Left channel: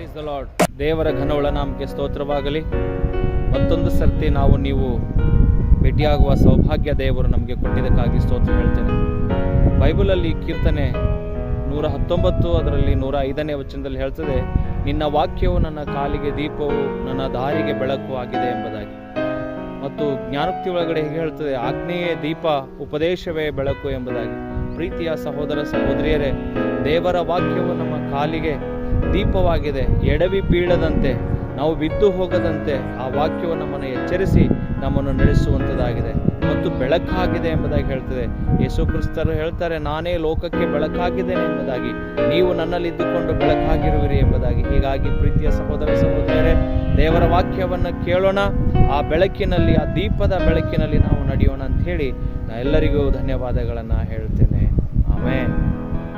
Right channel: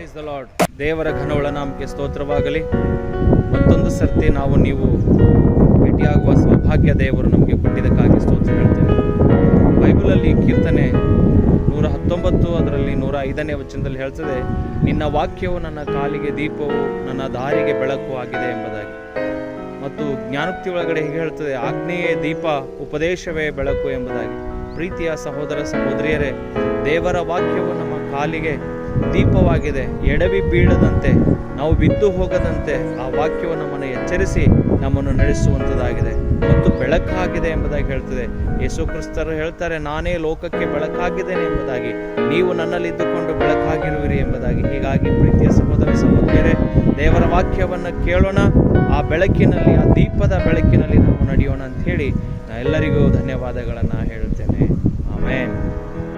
Praise the lord. ದೇವರ ಘನವುಳ್ಳ ನಾಮಕ್ಕೆ ಸ್ತೋತ್ರವಾಗಲಿ. ಮತ್ತೊಂದು ಸರ್ತಿ ನೀವು ಭೇಟಿಯಾಗುವ ಸೌಭಾಗ್ಯ ದೇವರು ನಮಗೆ ಕೊಟ್ಟಿದ್ದಕ್ಕಾಗಿ ಸ್ತೋತ್ರ ಹೇಳ್ತೇನೆ. ಬೈಬಲಲ್ಲಿ ಕೀರ್ತನೆ 119 ಅದರಲ್ಲಿ 105ನೇ ವಚನದಲ್ಲಿ ಹೇಳ್ತದೆ, ನಿನ್ನ ವಾಕ್ಯವು ನನ್ನ ಕಾಲಿಗೆ ದೀಪವು ನನ್ನ ದಾರಿಗೆ ಬೆಳಕು ಆಗಿದೆ ಎಂಬುದಾಗಿ. ಮತ್ತು ಜ್ಞಾನೋಕ್ತಿ ಒಳಗಡೆ ಹೀಗೆ ಹೇಳ್ತದೆ, ಆಜ್ಞೆಯೇ ದೀಪ ಉಪದೇಶವೇ ಬೆಳಕು ಎಂಬುದಾಗಿ. ಪ್ರೀತಿಯ ಸಹೋದರ ಸಹೋದರಿಯರೇ, ದೇವರ ವಾಕ್ಯವು ನಮ್ಮ ಕಾಲಿಗೆ ದೀಪವಾಗಿದೆ. ಎಡವಿ ಬೀಳದಂತೆ, ನಾವು ಬಿದ್ದು ಹೋಗದಂತೆ ಆ ವಾಕ್ಯವು ನಮ್ಮನ್ನು ಎಚ್ಚರಿಸಿ ನಮ್ಮನ್ನು ನಡೆಸುವಂಥದ್ದಾಗಿದೆ ಮತ್ತು ಬೆಳಕಾಗಿದೆ ಎಂಬುದಾಗಿ ಹೇಳ್ತದೆ. ಯೇಸು ಕ್ರಿಸ್ತರು ಹೇಳ್ತಾರೆ, ನಾನೇ ಲೋಕಕ್ಕೆ ಬೆಳಕಾಗಿದ್ದೇನೆ ಎಂಬುದಾಗಿ, ನೀವು ನನ್ನಲ್ಲಿ ಇದ್ದುಕೊಂಡು ಬೆಳಕಾಗಿರುವಿರಿ ಎಂಬುದಾಗಿ. ಹೀಗಾಗಿ ಪ್ರೀತಿಯ ಸಹೋದರ ಸಹೋದರಿಯರೇ, ದೇವರ ವಾಕ್ಯವನ್ನು ಕೇಳೋಣ, ಆ ಬೆಳಕಿನಲ್ಲಿ, ಆ ದೀಪದ ಬೆಳಕಿನಲ್ಲಿ ನಾವು ನಡೆಯೋಣ ಅಂತ ಹೇಳಿ ನಾ ಎಲ್ಲರಿಗೂ ಧನ್ಯವಾದಗಳನ್ನು ಹೇಳ್ತೇನೆ.